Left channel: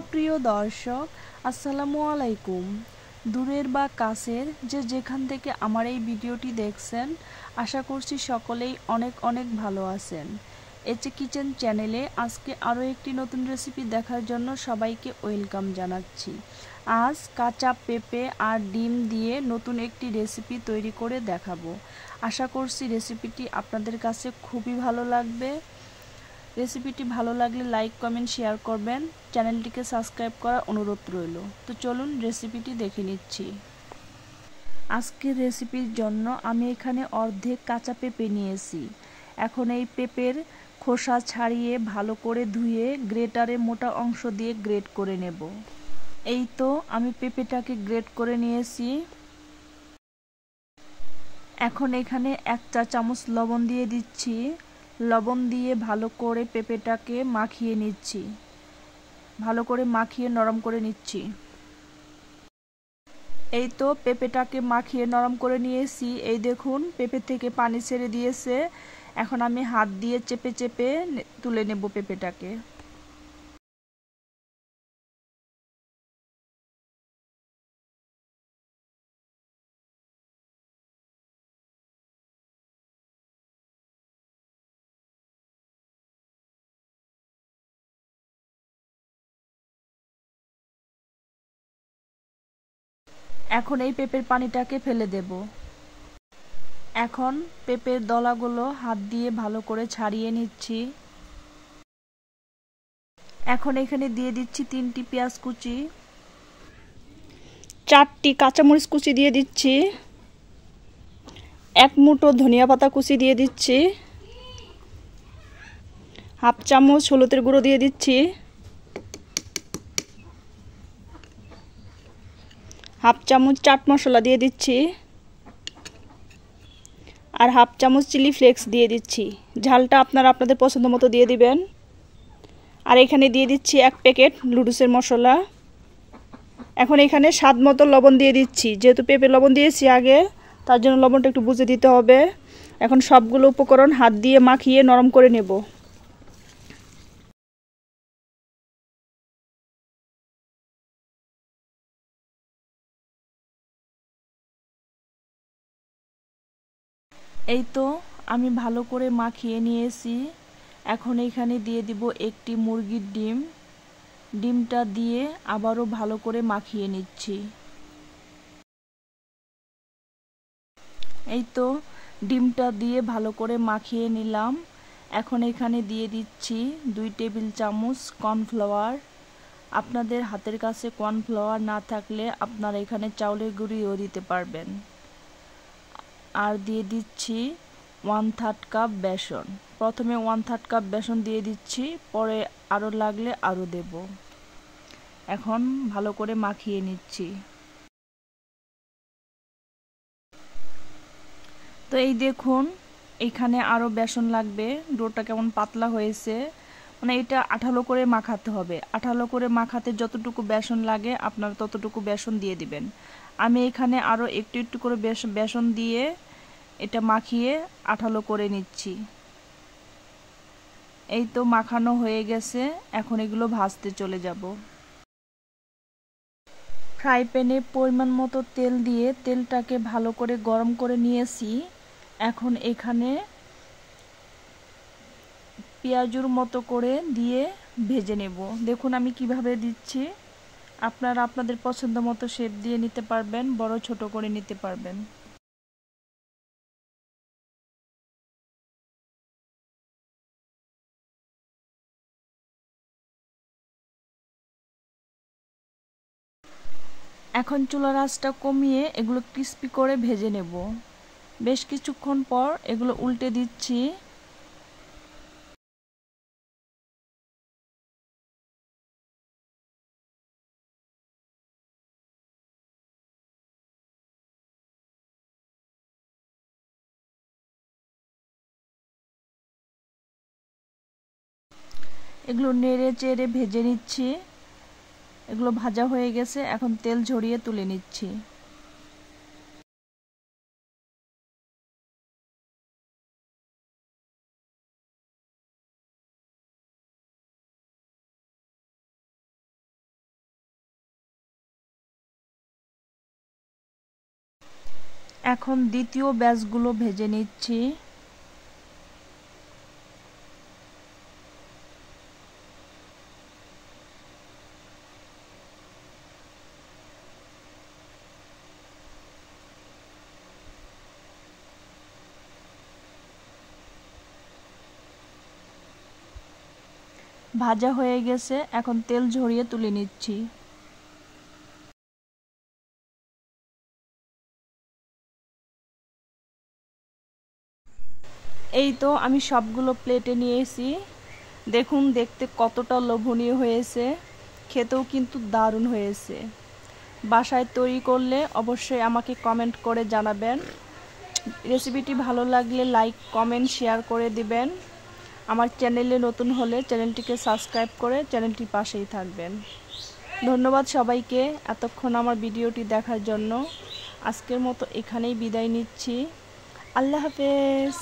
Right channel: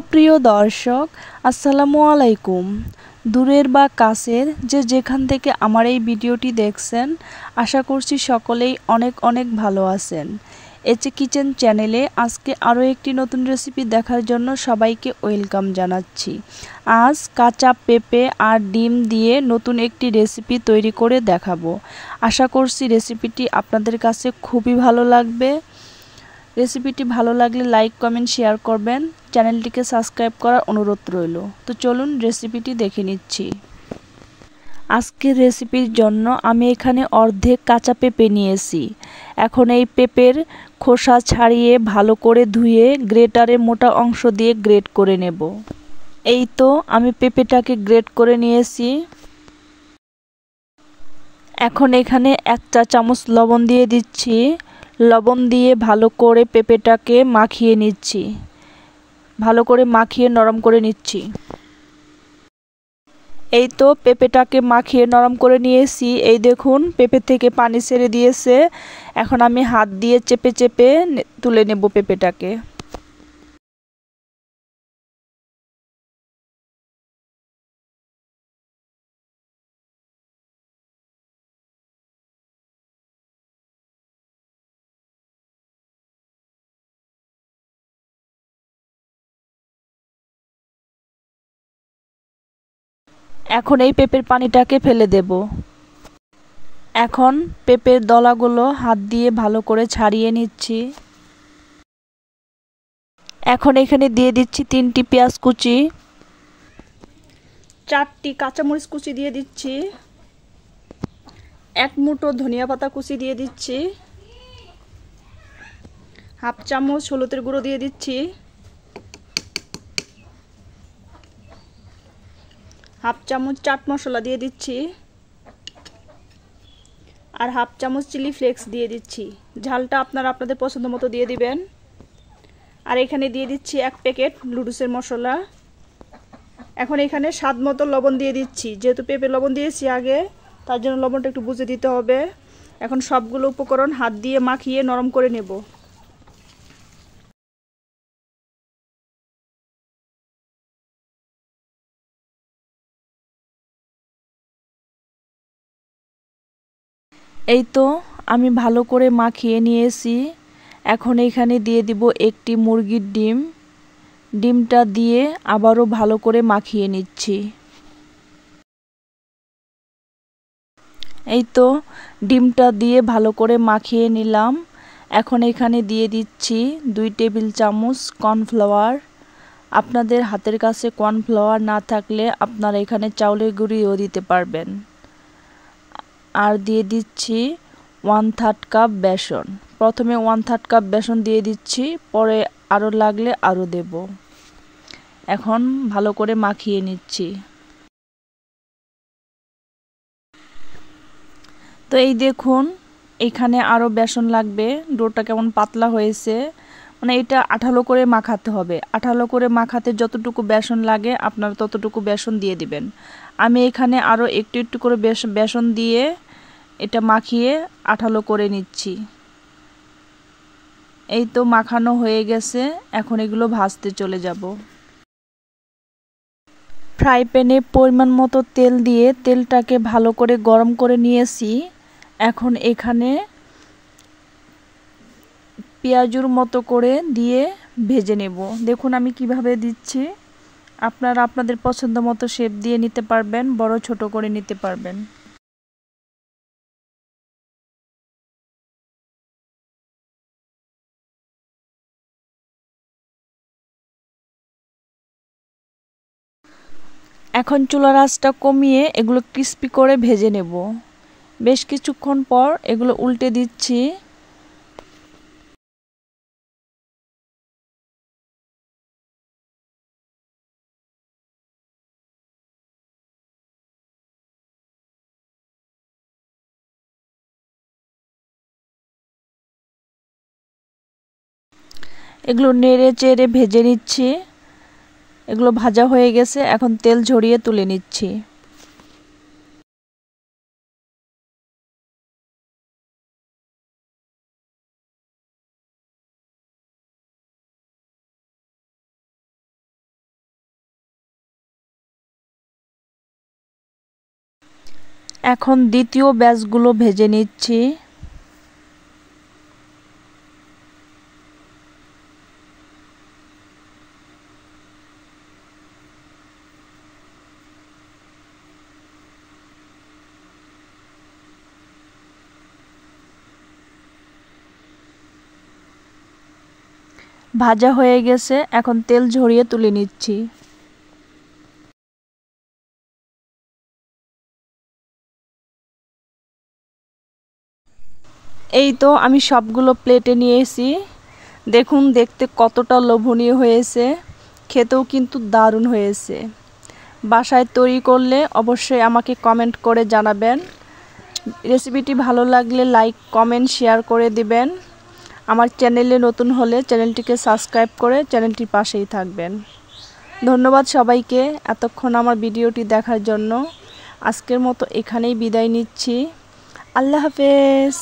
সুপ্রিয় দর্শক, আসসালামু আলাইকুম। দূরের বা কাছের যে যেখান থেকে আমার এই ভিডিওটি দেখছেন, আশা করছি সকলেই অনেক অনেক ভালো আছেন। এচে কিচেন চ্যানেলে আজকে আরও একটি নতুন রেসিপি দেখার জন্য সবাইকে ওয়েলকাম জানাচ্ছি। আজ কাঁচা পেঁপে আর ডিম দিয়ে নতুন একটি রেসিপি তৈরি করে দেখাবো। আশা করছি রেসিপিটি আপনাদের কাছে খুবই ভালো লাগবে। রেসিপিটি ভালো লাগলে লাইক, কমেন্ট, শেয়ার করবেন। চ্যানেলটিকে সাবস্ক্রাইব করার অনুরোধ রইল। তো চলুন রেসিপিটি দেখে নিচ্ছি। আজকের রেসিপির জন্য আমি এখানে অর্ধেক কাঁচা পেঁপে নিয়েছি। এখন এই পেঁপের খোসা ছাড়িয়ে ভালো করে ধুয়ে গ্রেটারে মোটা অংশ দিয়ে গ্রেট করে নেব। এই তো আমি পেঁপেটাকে গ্রেট করে নিয়েছি। এখন এখানে 1 চা চামচ লবণ দিয়ে দিচ্ছি। লবণ দিয়ে ভালো করে পেঁপেটাকে মাখিয়ে নিচ্ছি। ভালো করে মাখিয়ে নরম করে নিচ্ছি। এই তো পেঁপেটাকে মাখিয়ে নরম করে নিয়েছি। এই দেখুন পেঁপে থেকে পানি ছেড়ে দিয়েছে। এখন আমি হাত দিয়ে চেপে চেপে তুলে নেব পেঁপেটাকে। এখন এই পেঁপের পানিটাকে ফেলে দেব। এখন পেঁপের দলাগুলো হাত দিয়ে ভালো করে ছাড়িয়ে নিচ্ছি। এখন এখানে দিয়ে দিচ্ছি 3টি পেঁয়াজ কুচি, 4টি কাঁচামরিচ কুচি দিয়ে দিচ্ছি, 1 মুঠো ধনিয়া পাতা কুচি দিয়ে দিচ্ছি, হাফ চামচ হলুদের গুঁড়ো দিয়ে দিচ্ছি, হাফ চামচ চাট মশলা দিয়ে দিচ্ছি, আর হাফ চামচ চিলি ফ্লেক্স দিয়ে দিচ্ছি। ঝালটা আপনারা আপনাদের পছন্দ মতো দিয়ে দিবেন। আর এখানে দিয়ে দিচ্ছি 1 প্যাকেট নুডলসের মশলা। এখন এখানে স্বাদ মতো লবণ দিয়ে দিচ্ছি। যেহেতু পেঁপে লবণ দিয়েছি আগে, তার জন্য লবণটা একটু বুঝে দিতে হবে। এখন সবগুলো উপকরণ হাত দিয়ে মাখিয়ে নরম করে নেব। এই তো আমি ভালো করে মাখিয়ে নিয়েছি। এখন এখানে দিয়ে দিব একটি মুরগির ডিম। ডিমটা দিয়ে আবারও ভালো করে মাখিয়ে নিচ্ছি। এই তো ডিমটা দিয়ে ভালো করে মাখিয়ে নিলাম। এখন এখানে দিয়ে দিচ্ছি 2 টেবিল চামচ কর্নফ্লাওয়ার। আপনাদের হাতের কাছে কর্নফ্লাওয়ার না থাকলে আপনারা এখানে চাউলের গুঁড়িও দিতে পারবেন। আর দিয়ে দিচ্ছি 1/3 কাপ বেসন। প্রথমে 1/3 কাপ বেসন দিয়ে দিচ্ছি, পরে আরও লাগলে আরও দেব। এখন ভালো করে মাখিয়ে নিচ্ছি। তো এই দেখুন এখানে আরও বেসন লাগবে। ডোটা কেমন পাতলা হয়েছে, মানে এটা আঠালো করে মাখাতে হবে। আঠালো করে মাখাতে যতটুকু বেসন লাগে আপনারা ততটুকু বেসন দিয়ে দিবেন। আমি এখানে আরও একটু একটু করে বেসন দিয়ে এটা মাখিয়ে আঠালো করে নিচ্ছি। এই তো মাখানো হয়ে গেছে। এখন এগুলো ভাজতে চলে যাব। ফ্রাই প্যানে পরিমাণ মতো তেল দিয়ে তেলটাকে ভালো করে গরম করে নিয়েছি। এখন এখানে পেঁয়াজুর মতো করে দিয়ে ভেজে নেব। দেখুন আমি কিভাবে দিচ্ছি। আপনারা আপনাদের পছন্দ মতো শেপ দিয়ে নিতে পারবেন, বড় ছোট করে নিতে পারবেন। এখন চুলার আঁচটা কমিয়ে এগুলো ক্রিস্পি করে ভেজে নেব। বেশ কিছুক্ষণ পর এগুলো উল্টে দিচ্ছি। এগুলো নেড়ে চেড়ে ভেজে নিচ্ছি। এগুলো ভাজা হয়ে গেছে, এখন তেল ঝরিয়ে তুলে নিচ্ছি। এখন দ্বিতীয় ব্যাচগুলো ভেজে নিচ্ছি। ভাজা হয়ে গেছে, এখন তেল ঝরিয়ে তুলে নিচ্ছি। এই তো আমি সবগুলো প্লেটে নিয়েছি। দেখুন দেখতে কতটা লোভনীয় হয়েছে, খেতেও কিন্তু দারুণ হয়েছে। বাসায় তৈরি করলে অবশ্যই আমাকে কমেন্ট করে জানাবেন। রেসিপিটি ভালো লাগলে লাইক, কমেন্ট, শেয়ার করে দিবেন। আমার চ্যানেলে নতুন হলে চ্যানেলটিকে সাবস্ক্রাইব করে চ্যানেলটির পাশেই থাকবেন। ধন্যবাদ সবাইকে এতক্ষণ আমার ভিডিওটি দেখার জন্য। আজকের মতো এখানেই বিদায় নিচ্ছি। আল্লাহ হাফেজ।